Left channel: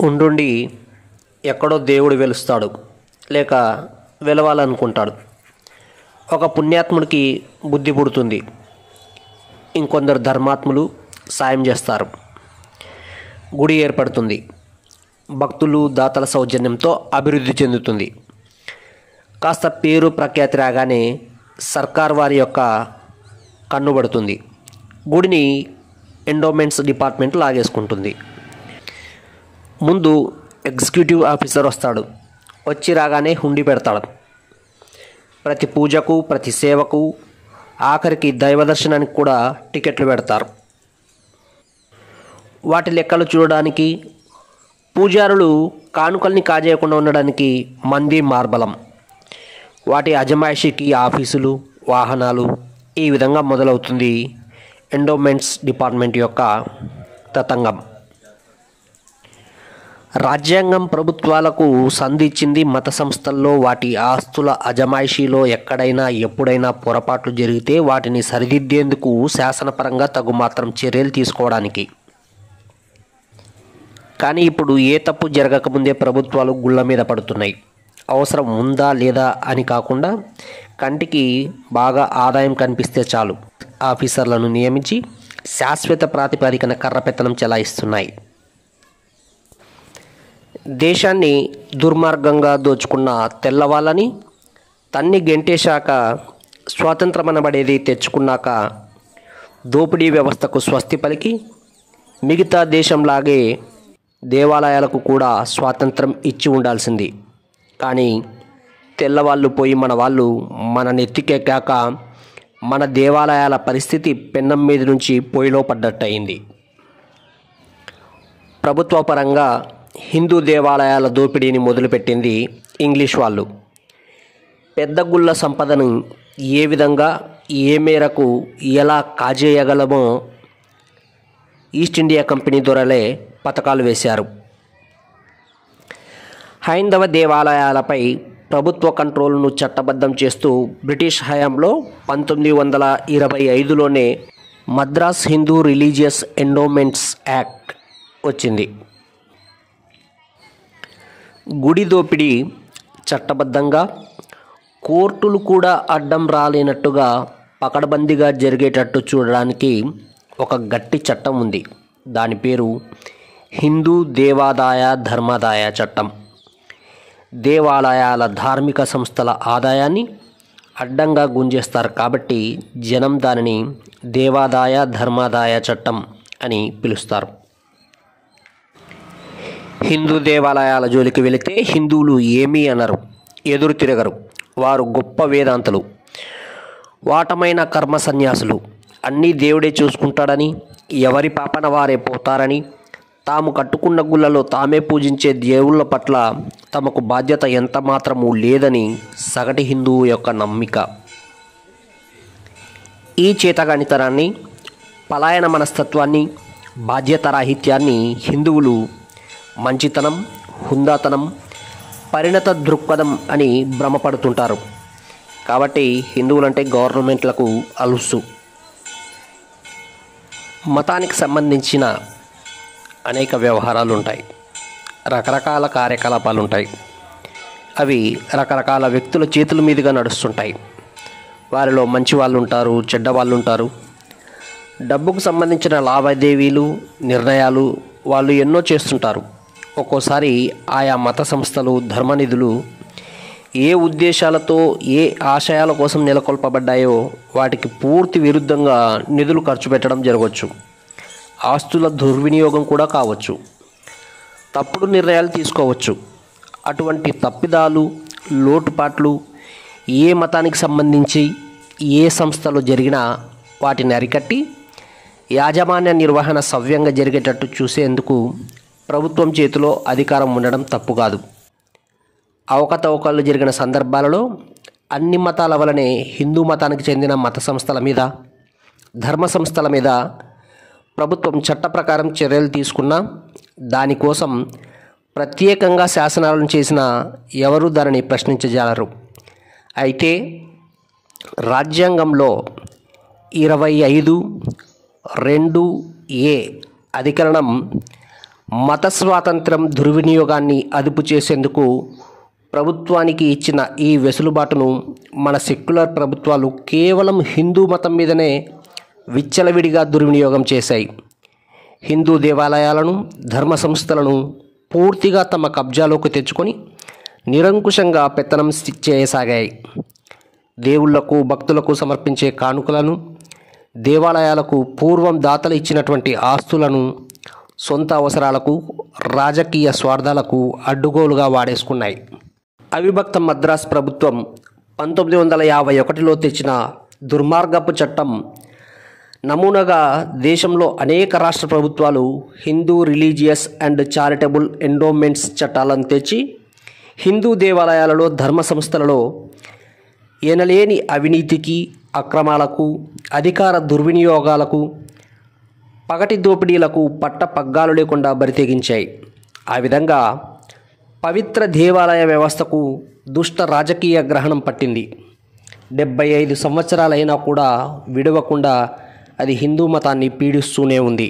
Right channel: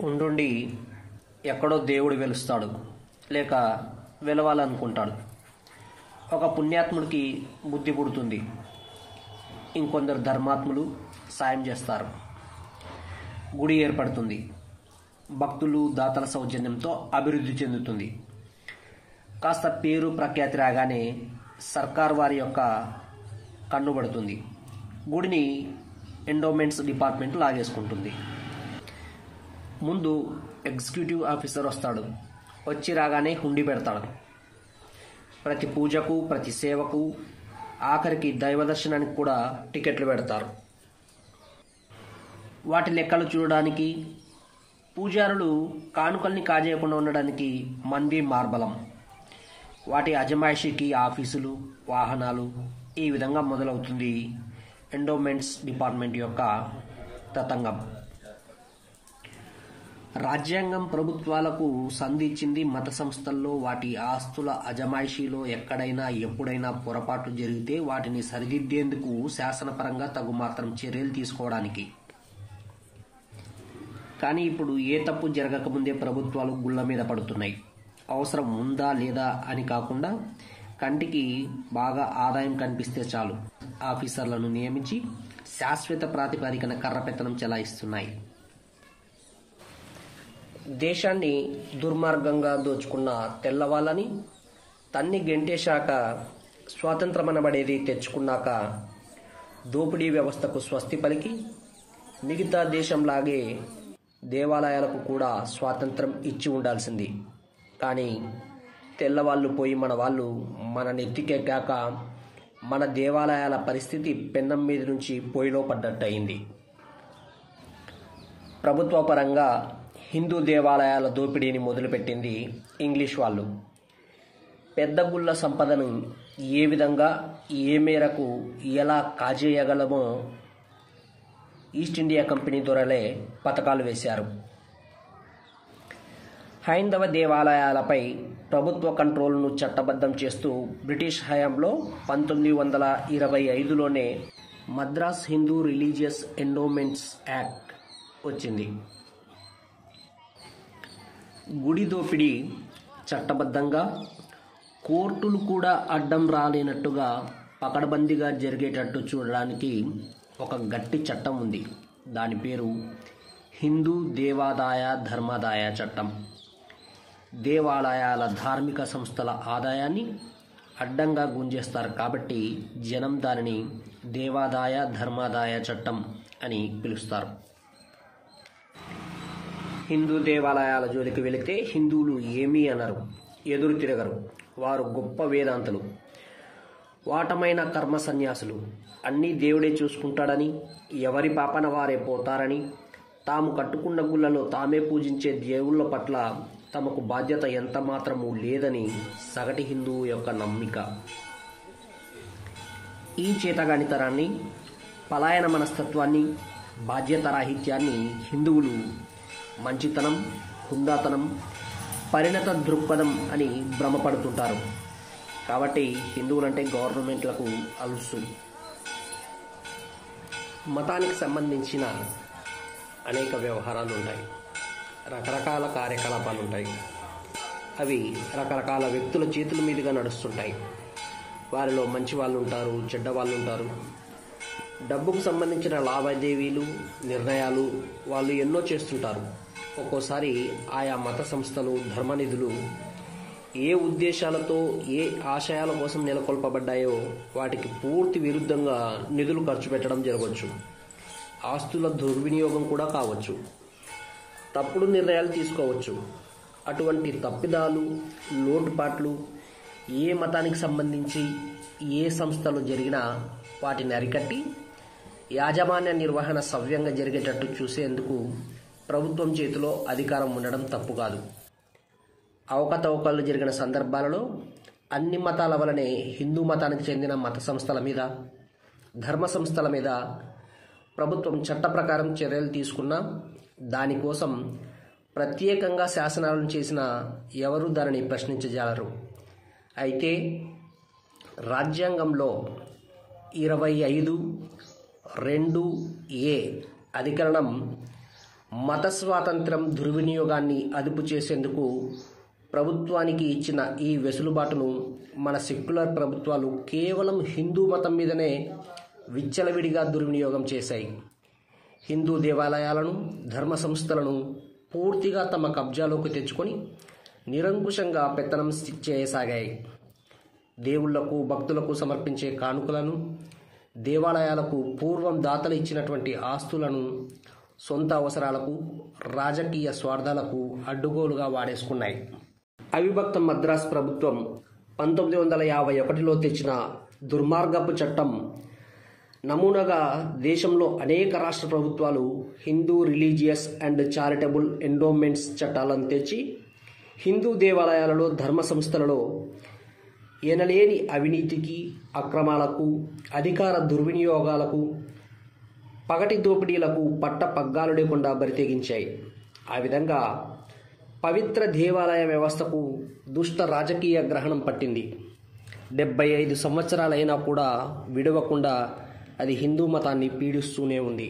ఉండుండి ఎక్కడో దేవుడు వెలుస్తాడు, లేక వెలవాలనుకుంటాడు. ఒక పుణ్యాత్ముడికి బుద్ధి పుడుతుంది, ఇంకొందరు ధర్మాత్ములు సాయం చేస్తారు. గుడి ఏర్పడుతుంది, భక్తులు దాతల సౌజన్యంతో అభివృద్ధి చెందుతుంది. కాస్త పేరు ప్రఖ్యాతి రాగానే సర్కార్ వారి యొక్క కన్నుబడుతుంది. గుడిని ఎండోమెంట్స్ డిపార్ట్మెంట్ లాగేసుకుంటుంది. ముందు ఎగ్జిక్యూటివ్ ఆఫీసర్ వస్తాడు, వచ్చి రాగానే హుండీ పెడతాడు. ప్రతి పూజకు, ప్రతి సేవకు, ఆఖరికి దైవ దర్శనానికి కూడా టికెట్లు పెడతారు. వాటి లెక్కలు చూడడానికి, పూజారులు కానుకల్ని కాజేయకుండా ఉండడానికి మంది మార్బలం. వాటి అజమాయిషీకి ఆఫీసులు, వాహనాలు, ఈ విధంగా మొదలవుతుంది ఎండోమెంట్స్ డిపార్ట్మెంట్ యొక్క తతంగం. రాజ్యాంగం ప్రభుత్వాలకు సంధించింది మత సంస్థల్లో వాటి ఆస్తుల అజమాయిషీలో ఎక్కడైనా ఎప్పుడైనా పొరపాట్లు జరిగితే వాటిని సరిదిద్దేందుకు శాసనపరంగా తగుమాత్రం చర్యలు తీసుకోవడానికి. కానీ ఇప్పుడు ఏ తప్పు జరగకముందే ప్రభుత్వాలు గుళ్ళ మీద పడుతున్నాయి. అవసరం ఉందా లేదా అని కాకుండా కంటికి బాగా ఆదాయం కనిపిస్తే చాలు ఆఫీసర్లను నియమించి శాశ్వత ప్రాతిపదికన కర్రపెత్తనం చెలాయిస్తున్నాయి. దేశాన్ని దుర్మార్గంగా దోచుకున్న తెల్లవాళ్ళని తన్ని గెంటేశాక స్వాతంత్రమనబడేది తెచ్చుకున్నాక దోపిడీ వ్యవస్థకు స్వస్తి పలికి మిగతా దేశంలాగే దేవాలయాలకు కూడా స్వాతంత్రం ఇచ్చి ఉండాల్సింది. కానీ తెల్లవాళ్ళు పోయి మన వాళ్ళు మన నెత్తికెక్కాక మన దేవాలయాల పరిస్థితి పెన్నం మీద నుంచి పొయ్యిలో పడ్డట్టయింది. ప్రభుత్వ పరంగా హిందూ దేవాలయాల దోపిడీని మొదలుపెట్టింది ఇంగ్లీష్ వాళ్ళు. పెద్ద గుళ్ళ సంపదను ఏ విధంగా, ఏ మేరకు, ఎలా కాజేయగలమో ఈస్ట్ ఇండియా కంపెనీ దొరలే పథకాలు వేశారు. హైందవ దేవాలయాలపై ప్రభుత్వ కంట్రోల్ను చట్టబద్ధం చేస్తూ బ్రిటిష్ హయాంలో 1925లోనే Madras Hindu religious endowments act వచ్చింది. గుడి దోపిడీ చట్టబద్ధంగా, కోర్టులు కూడా అడ్డం రాలేనట్టుగా పకడ్బందీగా జరిగేటట్టు చూడడానికి ఒక గట్టి చట్టం ఉంది. దాని పేరు హిందూ దేవాదాయ ధర్మాదాయ చట్టం. దేవాలయాల ధార్మిక సంస్థల ఆదాయాన్ని అడ్డంగా గుంజేస్తారు కాబట్టి జనం దానిని దేవాదాయ ధర్మాదాయ చట్టం అని పిలుస్తారు. హిందూ దేవాలయాల జోలికి వెళితే హిందువులు ఏమీ అనరు, ఎదురు తిరగరు. వారు గొప్ప వేదాంతులు, వాటమైన కర్మ సన్యాసులు, అన్నీ దేవుడే చూసుకుంటాడని, ఎవరి పాపన వారే పోతారని, తాము కట్టుకున్న గుళ్ళలో తామే పూజించే దేవుళ్ళ పట్ల తమకు బాధ్యత ఎంత మాత్రమూ లేదని సగటు హిందువు యొక్క నమ్మిక. ఈ చేతగానితనాన్ని, పలాయన మనస్తత్వాన్ని, బాధ్యతారాహిత్యాన్ని హిందువులు మంచితనం, హుందాతనం, పరిణత దృక్పథం అని భ్రమపడుతుంటారు. కాబట్టి హిందువులంటే గవర్నమెంట్లకు అలుసు. మతానికి సంబంధించిన అనేక వ్యవహారాలు ఉంటాయి, రకరకాల కార్యకలాపాలు ఉంటాయి. అవి రకరకాల వ్యక్తుల చేతుల మీదుగా నడుస్తుంటాయి. వారిలో మంచి వాళ్ళు ఉంటారు, చెడ్డ వాళ్ళు ఉంటారు. డబ్బుకు సంబంధించిన లావాదేవీలు, నిర్ణయాలు వాళ్ళు ఎన్నో చేస్తుంటారు. ఒక్కోసారి ఆయా మత సంస్థలు, ధర్మనిధులు ఏ ఉద్దేశాలతో, ఏ ఆశయాల కోసం నెలకొల్పబడ్డాయో వాటికి పూర్తి విరుద్ధంగా నిధులు ఖర్చు పెట్టడం జరగవచ్చు. ఆస్తుల దుర్వినియోగం కూడా కావచ్చు. తప్పుడు నిర్ణయాలు తీసుకోవచ్చు. అటువంటి తప్పిదాలు, లోటుపాట్లు ఏ మతానికి సంబంధించి ఏ సంస్థలో జరిగినా వాటిని అరికట్టి యాజమాన్య నిర్వహణ సవ్యంగా జరిగేటట్టు చూసేందుకు ప్రభుత్వం చేతిలో అధికారం ఉండడం తప్పు కాదు. అవకతవకలు జరిగిన సందర్భాలలో అన్ని మతాల వలనే హిందూ మతానికి చెందిన మత సంస్థల మీద, ధర్మ సంస్థల మీద ప్రభుత్వం చట్ట ప్రకారం చర్యలు తీసుకున్నా దానికోసం ప్రత్యేకంగా శాసనాలను చేసిన ఎవరూ దానిని ప్రశ్నించజాలరు. అయితే రాజ్యాంగంలో 25(2)(a) అధికరణం మత స్వాతంత్రం దుర్వినియోగాన్ని అదుపు చేసేందుకు ప్రభుత్వానికి ఇచ్చిన ఈ వెసులుబాటును మన సెక్యులర్ ప్రభుత్వాలు కేవలం హిందూ మతం మీదనే విచ్చలవిడిగా దుర్వినియోగం చేశాయి. హిందూ దేవాలయాలను, ధర్మ సంస్థలను పూర్తిగా తమ కబ్జాలోకి తెచ్చుకొని నిరంకుశంగా పెత్తనం చేయసాగాయి. దేవుళ్లకు, భక్తులకు సమర్పించే కానుకలను, దేవాలయాలకు పూర్వం దాతలు ఇచ్చినటువంటి ఆస్తులను సొంత అవసరాలకు, రాజకీయ స్వార్థాలకు అడ్డుగోలుగా వాడేసుకున్నాయి. అవిభక్త మద్రాస్ ప్రభుత్వం 1951లో తెచ్చిన దుర్మార్గపు చట్టం నమూనాగా దేశంలో అనేక రాష్ట్ర ప్రభుత్వాలు Hindu religious and charitable endowments చట్టాలను తెచ్చి హిందూ దేవాలయాలలో, ధర్మ సంస్థలలో ఎనలేని అవినీతికి, అక్రమాలకు, అధికార దుర్వినియోగాలకు, పగటి దోపిడీలకు పట్టపగ్గాలు లేకుండా బరితెగించాయి. ఆ విధంగా పవిత్ర దేవాలయ వ్యవస్థకు దుష్ట రాజకీయ గ్రహణం పట్టింది. 75 సంవత్సరాలైనా కూడా విడవకుండా అది హిందూ మతాన్ని పీడిస్తూనే ఉంది.